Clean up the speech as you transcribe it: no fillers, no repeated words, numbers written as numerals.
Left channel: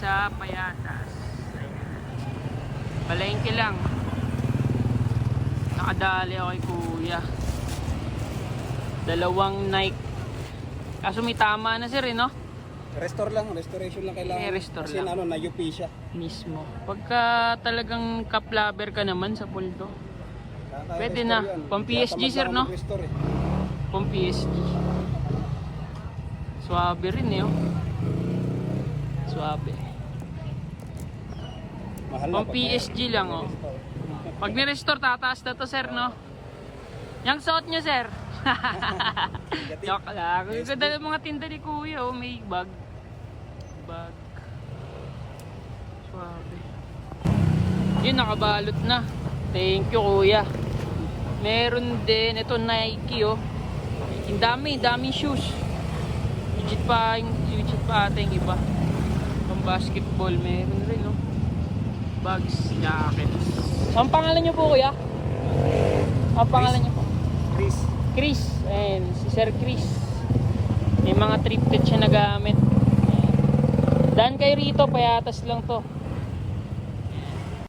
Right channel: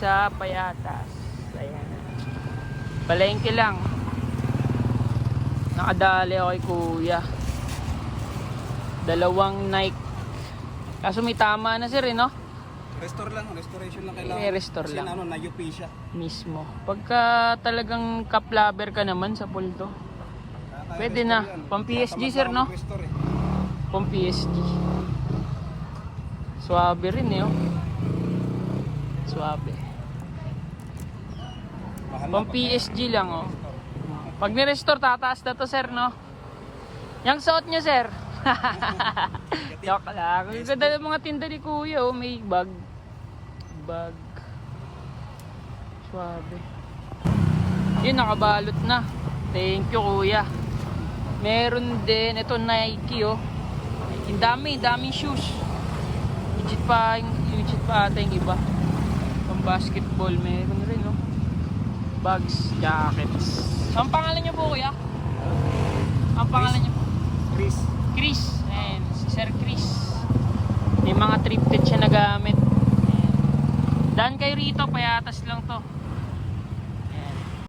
sa Payatas. Ayan. Palengke lang. Nakadali ako kay kuya. Dalawang Nike. Kaso may tama na sir no? Restoration lang kailangan. Restore Kasi lang. na-UP siya. Mismo. Pagka talagang cup-lover ka naman sa pulto. Pwede na. Pang PSG sir no? Pang PSG. Suabe rin eh. Suabe. Pang PSG lang oh. Pag ni-restore tataas na to sir no? Yung suot niya sir. Joke lang. Ang ganda yung mga tinda ni kuya oh. May bag. Suabe. Yun nakabalot na. Thank you kuya. Meron din ito Nike oh. Ang daming shoes. Legit pa ata yung iba. Pang basketball meron rin oh. Bags, jackets. Ang pangalan niyo po kuya? Ang pangalan niyo po? Chris. Ayan, si Sir Chris. May mga treated siya na gamit. Daan kayo rito, Payatas lang to.